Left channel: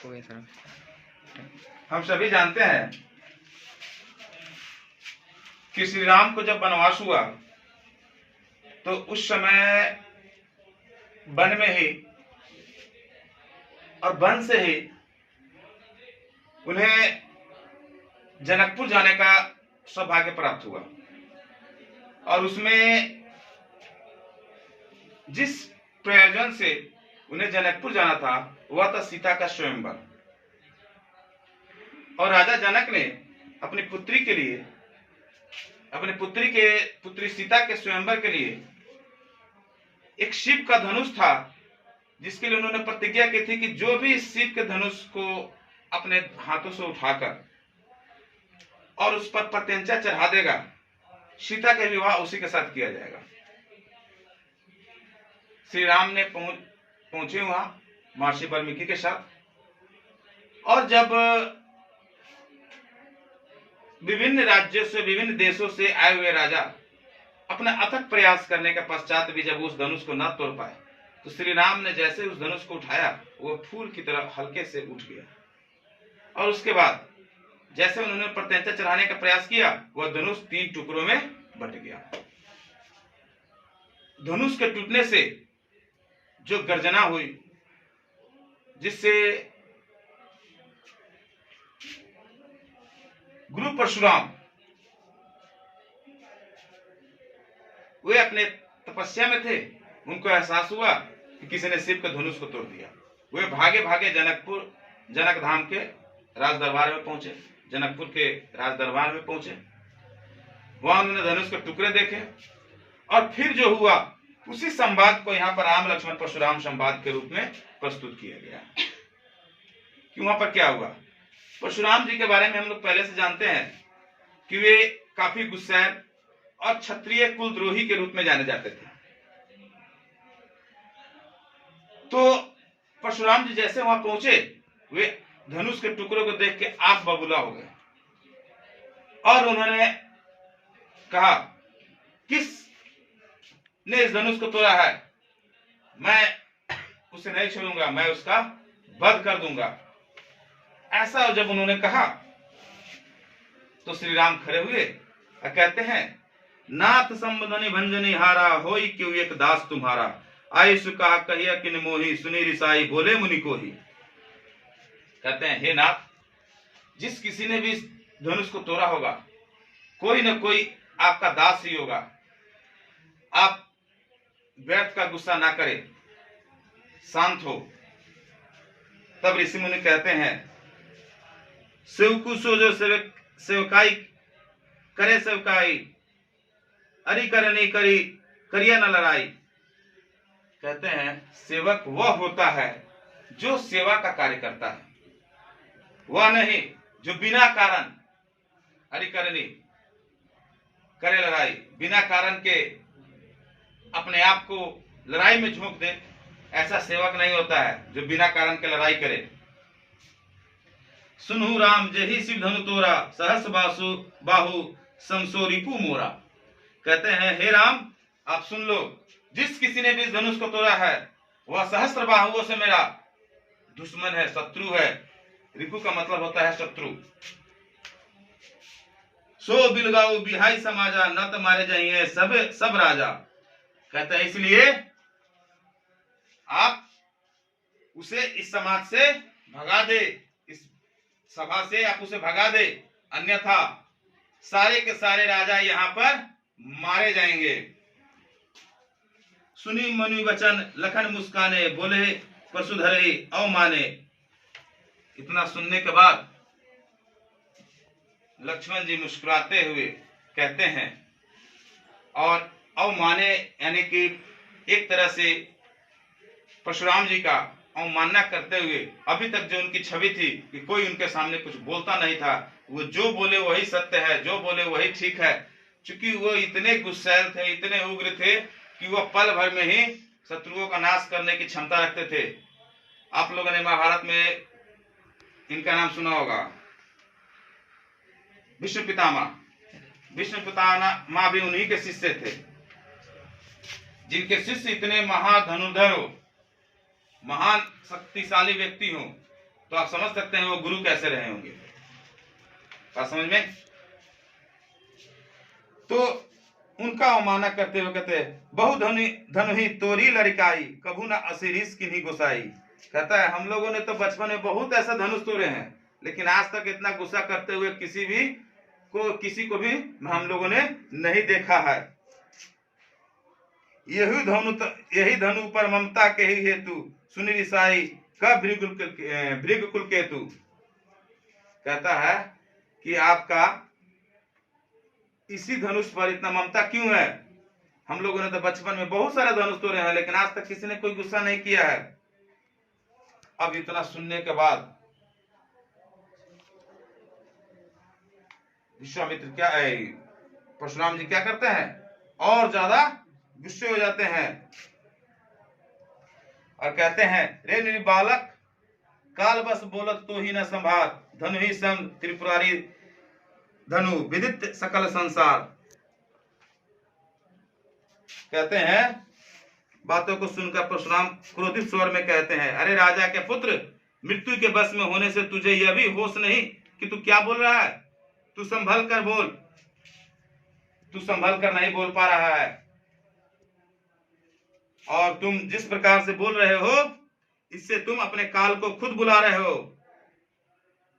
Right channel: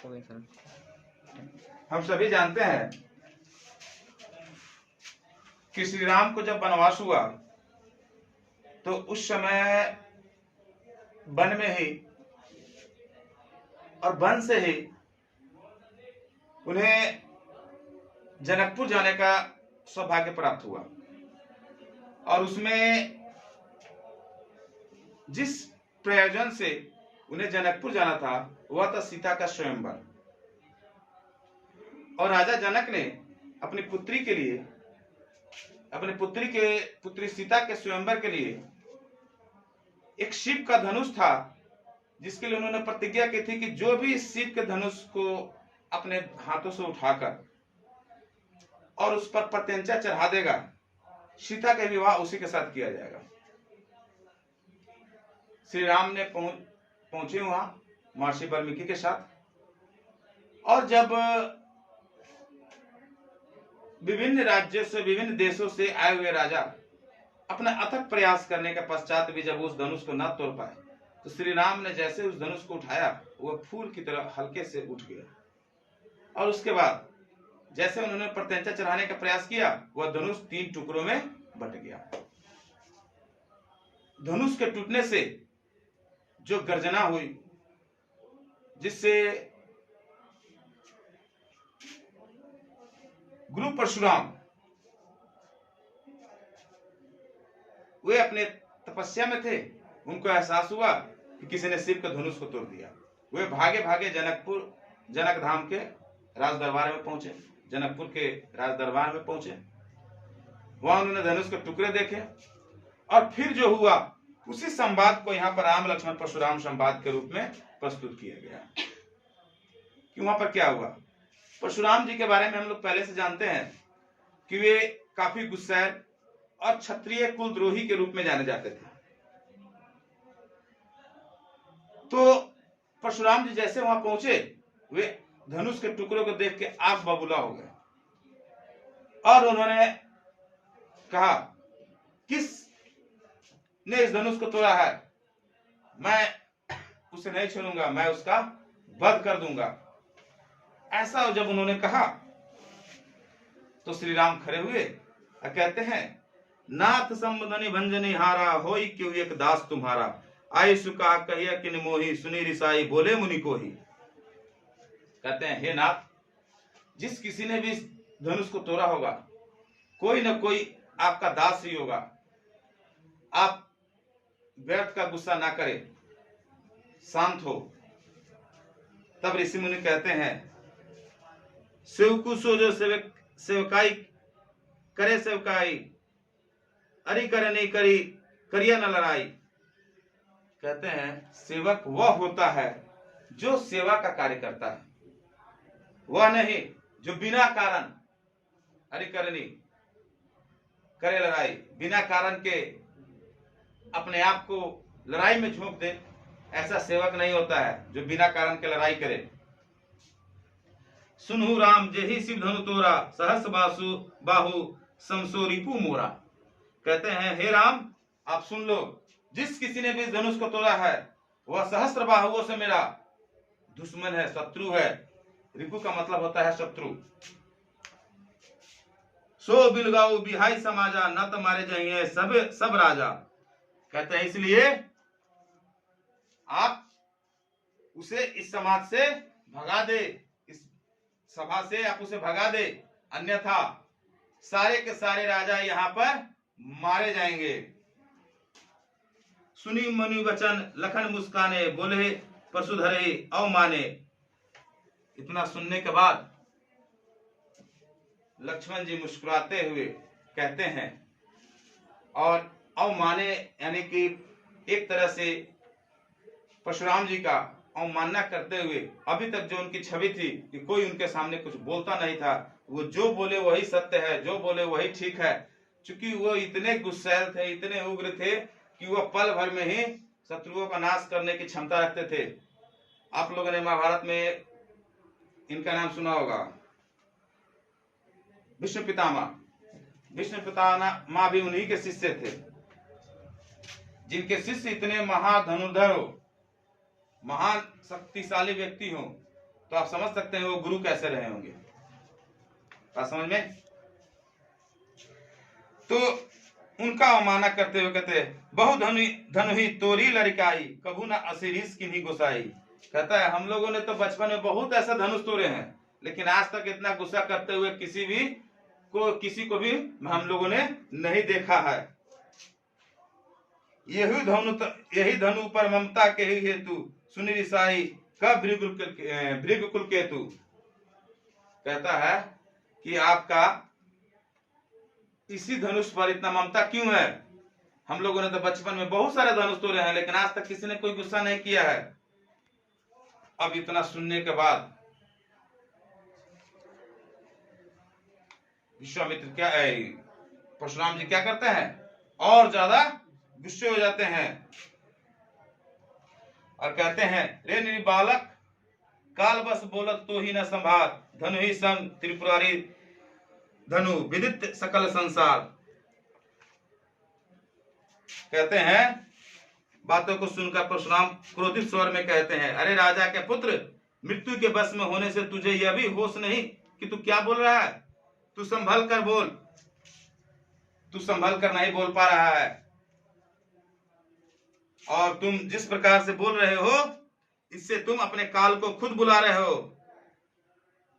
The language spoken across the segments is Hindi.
हम सभी जानते हैं कि श्री राम को जब वनवास हुआ तो उस समय वन में ही और वन से ही उन्हें जनकपुर जाने का सौभाग्य प्राप्त हुआ और उसमें जिस प्रयोजन से उन्हें जनकपुर जाना था वह था सीता का स्वयंवर। और राजा जनक ने अपनी पुत्री के लिए, अपनी पुत्री सीता के स्वयंवर के लिए एक शिव का धनुष था, जिसके लिए उन्होंने प्रतिज्ञा की थी कि जो भी इस शिव के धनुष को अपने हाथों से उठाकर और उस पर प्रत्यंचा चढ़ा देगा, सीता का विवाह उसी के साथ किया जाएगा। श्री राम ने पहुंचे वहां महर्षि वाल्मीकि के साथ, और जब विभिन्न राज्यों से, विभिन्न देशों से आए हुए राजा अपना अथक प्रयास करने के पश्चात भी जब उस धनुष को न तोड़ पाए तो श्री राम ने जैसे उस धनुष को उठाया वो फूल की तरह हल्के से उठ गया, और उसके बाद जैसे उन्होंने प्रत्यंचा चढ़ाने का प्रयास किया वह धनुष 3 टुकड़ों में बट गया। धनुष के टूटने से जो गर्जना हुई, जिससे गुरु परशुराम वे अपने तपस्या में थे, उनको एहसास हुआ कि किसी ने शिव के धनुष को तोड़ दिया। वे भागे भागे जनक धाम के राज दरबार में पहुंचे, जनकपुर के राज दरबार में पहुंचे। वहां उन्होंने धनुष के टुकड़े देखे और फिर जो हुआ उसी संवाद को यहाँ पर राम लक्ष्मण परशुराम संवाद के रूप में प्रस्तुत किया गया कि वहां पर क्या हुआ। परशुराम जी के बारे में हम लोग पहले से जानते हैं कि वे काफी गुस्सैल और क्षत्रिय कुलद्रोही के रूप में जाने जाते थे। तो परशुराम जी जैसे वहां पहुंचे वे धनुष के टुकड़ों को देख के आग बबूला हो गए और उन्होंने कहा, किस ने इस धनुष को तोड़ा है, मैं उसे नहीं छोड़ूंगा, मैं उसका वध कर दूंगा। ऐसा जब उन्होंने कहा तो श्री राम खड़े हुए और कहते हैं, नाथ संबदनी भंजनी हारा, होई क्यों एक दास तुम्हारा, आयुष का कहिया किन मोही, सुनी रिसाई बोले मुनि को ही। कहते हैं, हे नाथ, जिस किसी ने भी इस धनुष को तोड़ा होगा कोई न कोई आपका दास ही होगा। आप व्यर्थ का गुस्सा ना करें, शांत हो। तब ऋषि मुनि कहते हैं, सेवकु सो जो सेवकाई करे सेवकाई, अरि करे नहीं करी करिया न लड़ाई। कहते हैं, सेवक वह होता है जो सेवा का कार्य करता है, वह नहीं जो बिना कारण अरि करनी करे लड़ाई, बिना कारण के अपने आप को लड़ाई में झोंक दे। ऐसा सेवक नहीं होता है जो बिना कारण के लड़ाई करे। सुनहु राम जेहि शिव धनु तोरा, सहस बाहु समसो रिपु मोरा। कहते हैं, हे राम, आप सुन लो, जिस किसी ने भी इस धनुष को तोड़ा है वह सहस्त्र बाहुओं से मेरा दुश्मन है, शत्रु है। रिपु का मतलब होता है शत्रु। सो बिलगाऊ बिहाई समाजा, न तो मारे जाइए सब राजा। कहते हैं, इसलिए आप उसे इस समाज से भगा दे, इस सभा से आप उसे भगा दे, अन्यथा सारे के सारे राजा यहाँ पर मारे जाएंगे। सुनी मनु वचन लखन मुस्काने, बोले परशुधरे अवमाने। इतना सुनने के बाद लक्ष्मण जी मुस्कुराते हुए कहते हैं, और अवमाने यानी कि एक तरह से परशुराम जी का अवमानना करते हुए, अभी तक जो उनकी छवि थी कि कोई उनके सामने कुछ बोलता नहीं था, वो जो बोले वही सत्य है, जो बोले वही ठीक है। चूंकि वो इतने गुस्सैल थे, इतने उग्र थे कि वो पल भर में ही शत्रुओं का नाश करने की क्षमता रखते थे। आप लोगों ने महाभारत में इनका नाम सुना होगा, विष्णु पितामह। विष्णु पितामह भी उन्हीं के शिष्य थे, जिनके शिष्य इतने महाधनुर्धर हो, महान शक्तिशाली व्यक्ति हो, तो आप समझ सकते हैं वो गुरु कैसे रहे होंगे। बात समझ में? तो उनका अवमानना करते हुए कहते बहु धनु ही तोरी लड़काई कभू ना असीरीस की नहीं गुसाई। कहता है हम लोगों ने तो बचपन में बहुत ऐसा धनुष तोड़े हैं, लेकिन आज तक इतना गुस्सा करते हुए किसी को भी हम लोगों ने नहीं देखा है। यही धनु पर ममता के ही हेतु सुनी रिसाई का भृगुकुल केतु। कहता है कि आपका इसी धनुष पर इतना ममता क्यों है? हम लोगों ने तो बचपन में बहुत सारे धनुष तोड़े हैं, लेकिन आज तक किसी ने कोई गुस्सा नहीं किया है। अब इतना सुनने के बाद विश्वामित्र परशुराम जी क्या करते हैं? और ज्यादा गुस्से हो जाते हैं और कहते हैं रे निरी बालक काल बस बोलत तो ही न संभार धनु ही सम त्रिपुरारी धनु विदित सकल संसार। कहते हैं बातों को सुनकर परशुराम क्रोधित स्वर में कहते हैं अरे राजा के पुत्र, मृत्यु के बस में होने से तुझे यह भी होश नहीं कि तू क्या बोल रहा है? तू संभल कर बोल। तू संभल कर नहीं बोल पा रहा है, और तुम जिस प्रकार से बोल रहे हो इससे तुम अपने काल को खुद बुला रहे हो।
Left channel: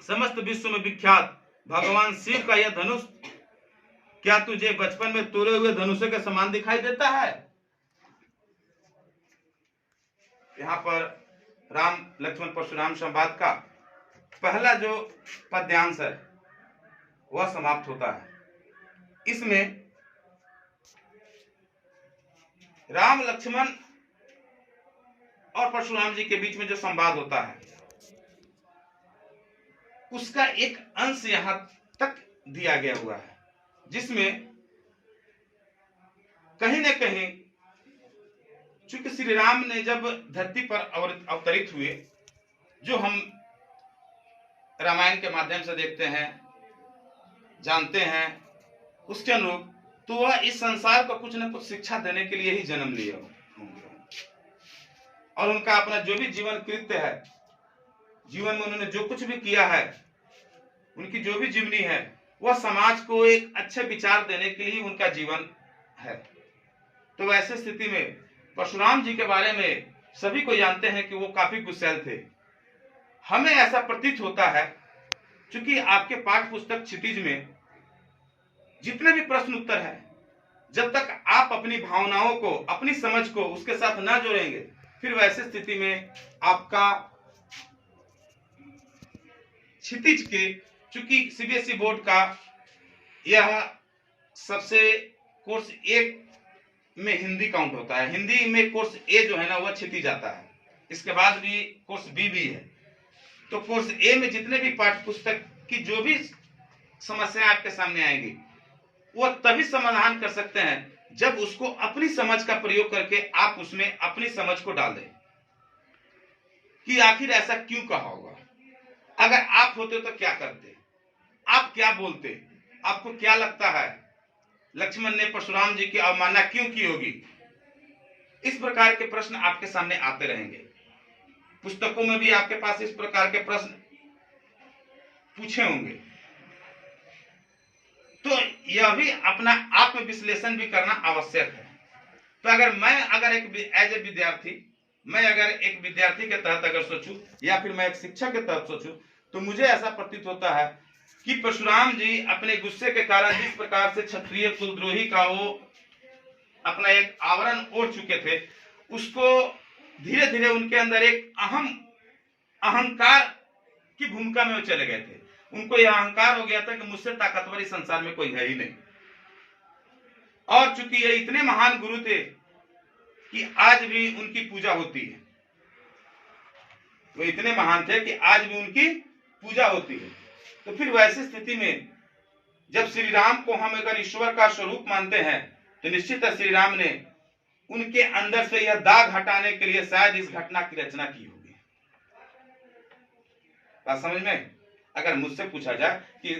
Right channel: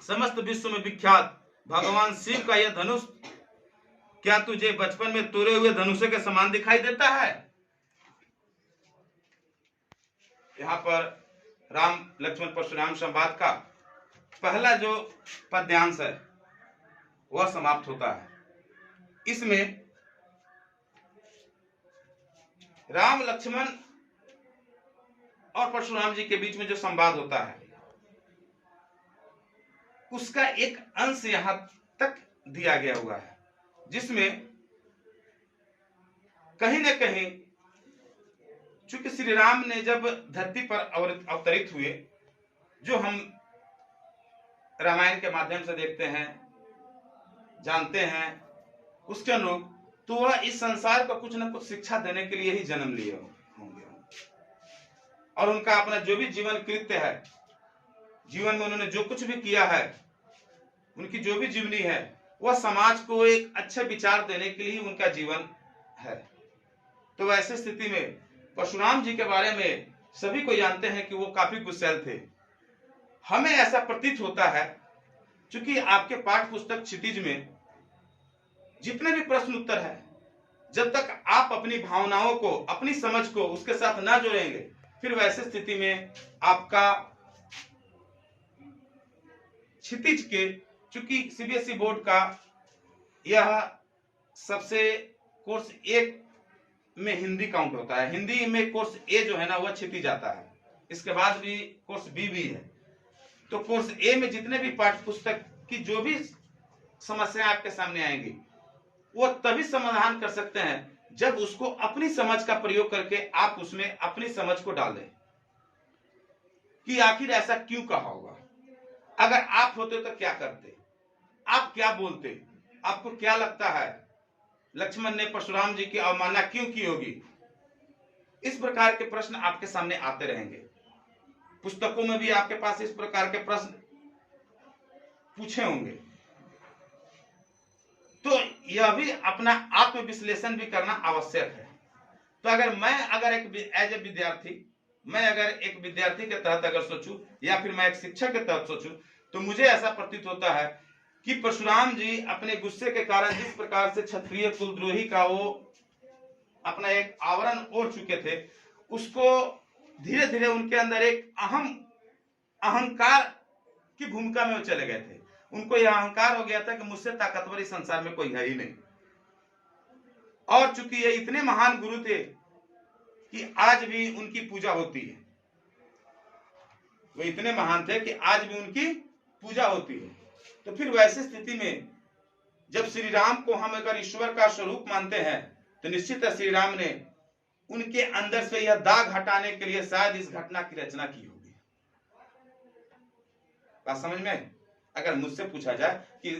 समस्त विश्व में विख्यात भगवान शिव का यह धनुष क्या तुझे बचपन में तोड़े हुए धनुषों के समान दिखाई देता है? यहाँ पर राम लक्ष्मण परशुराम संवाद का पहला जो पद्यांश है वह समाप्त होता है। इसमें राम लक्ष्मण और परशुराम जी के बीच में जो संवाद होता है उसका एक अंश यहां तक दिया गया हुआ है, जिसमें कहीं न कहीं चूंकि श्री राम ने जब धरती पर अवतरित हुए, जो हम रामायण के माध्यम से देखते हैं जानते हैं, उसके अनुरूप तो वह इस संसार को कुछ न कुछ शिक्षा देने के लिए ही जन्म लिए होंगे, और उनका अपना जो भी जीवन कृत्य है, जीवन में उन्होंने जो कुछ भी किया है, उनकी जो भी जीवनी है, वह समाज को एक अच्छे विचार देने के लिए उनका जीवन है। तो वैसे स्थिति में परशुराम जी के बारे में सभी को जानते हैं कि वो काफी गुस्सैल थे। हमें ऐसा प्रतीत होता है क्योंकि आपके पाठ्य पुस्तक क्षितिज में जितने भी प्रश्न उत्तर है, जब तक आप अपनी भावनाओं को, अपनी समझ को उसके साथ ना जोड़ेंगे, फिर वैसे स्थिति में आपका क्षितिज के, चूंकि सीबीएसई बोर्ड का यह सबसे कोर्स 1 में हिंदी काउंट होता है, हिंदी में कोर्स ए जो है ना वह क्षितिज आता है, इसके बाद भी कोर्स बी भी है। तो कोर्स ए में जितने भी पाठ्य पुस्तक की जो भी समस्याएं आपके सामने आएंगी वो तभी समाधान कर सकते हैं जब उसको अपनी समझ का प्रयोग करके आप उसमें अपनी समझ को डाल दें कि आखिर ऐसा क्यों कहा होगा। अगर आप होते तो क्या करते, आप क्या बोलते, आपको क्या लगता है लक्ष्मण ने परशुराम जी की अवमानना क्यों की होगी? इस प्रकार के प्रश्न आपके सामने आते रहेंगे। पुस्तकों में भी आपके पास इस प्रकार के प्रश्न पूछे होंगे। तो यह भी अपना आत्मविश्लेषण भी करना आवश्यक है। तो अगर एक विद्यार्थी के तहत अगर सोचूं, या फिर मैं एक शिक्षक के तहत सोचूं, तो मुझे ऐसा प्रतीत होता है कि परशुराम जी अपने गुस्से के कारण जिस प्रकार से क्षत्रिय कुलद्रोही का वो अपना एक आवरण ओढ़ चुके थे, उसको धीरे धीरे उनके अंदर एक अहंकार की भूमिका में वो चले गए थे। उनको यह अहंकार हो गया था कि मुझसे ताकतवर इस संसार में कोई है ही नहीं। और चूंकि ये इतने महान गुरु थे कि आज भी उनकी पूजा होती है, वो इतने महान थे कि आज भी उनकी पूजा होती है। तो फिर वैसी स्थिति में जब श्री राम को हम अगर ईश्वर का स्वरूप मानते हैं, तो निश्चित श्री राम ने उनके अंदर से यह दाग हटाने के लिए शायद इस घटना की रचना की होगी। बात समझ में? अगर मुझसे पूछा जाए कि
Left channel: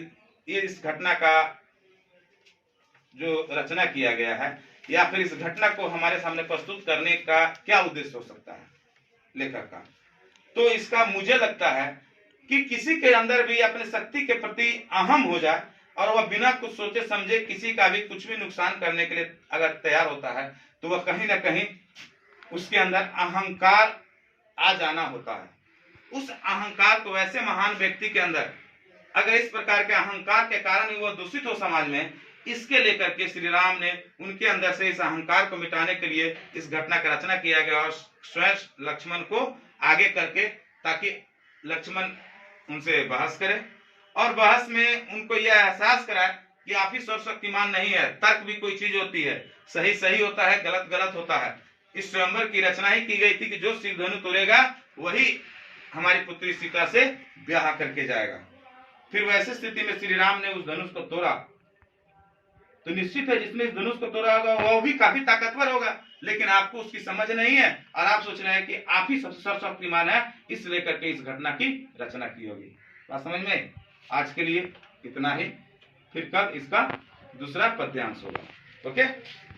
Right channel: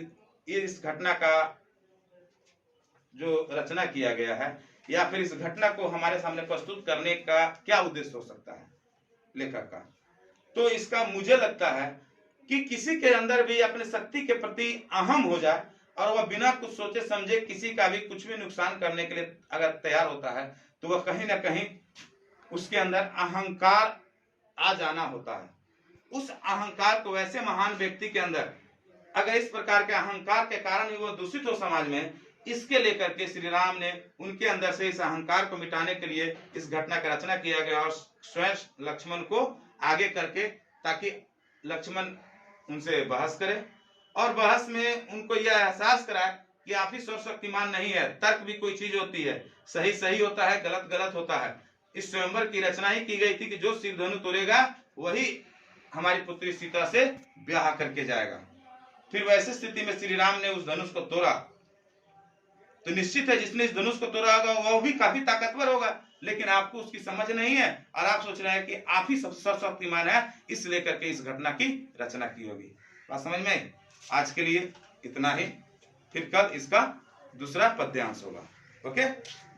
ये इस घटना का जो रचना किया गया है, या फिर इस घटना को हमारे सामने प्रस्तुत करने का क्या उद्देश्य हो सकता है लेखक का, तो इसका मुझे लगता है कि किसी के अंदर भी अपने शक्ति के प्रति अहम हो जाए और वह बिना कुछ सोचे समझे किसी का भी कुछ भी नुकसान करने के लिए अगर तैयार होता है, तो वह कहीं ना कहीं उसके अंदर अहंकार आ जाना होता है। उस अहंकार को वैसे महान व्यक्ति के अंदर अगर इस प्रकार के अहंकार के कारण ही वह दूषित हो समाज में, इसके लेकर के श्री राम ने उनके अंदर से इस अहंकार को मिटाने के लिए इस घटना का रचना किया गया और स्वयं लक्ष्मण को आगे करके, ताकि लक्ष्मण उनसे बहस करे और बहस में उनको यह एहसास कराए कि आप ही सर्वशक्तिमान नहीं है। तर्क भी कोई चीज होती है, सही सही होता है, गलत गलत होता है। इस स्वयंवर की रचना ही की गई थी कि जो शिव धनु तोड़ेगा वही हमारी पुत्री सीता से ब्याह करके जाएगा। फिर वैसे स्थिति में श्री राम ने उस धनुष को तोड़ा, तो निश्चित है जिसने इस धनुष को तोड़ा होगा वह भी काफी ताकतवर होगा, लेकिन आपको उसकी समझ नहीं है और आप सोच रहे हैं कि आप ही सबसे सर्वशक्तिमान है, इस लेकर के इस घटना की रचना की होगी। बात समझ में? आज के लिए इतना ही, फिर कल इसका दूसरा पद्यांश होगा। ओके।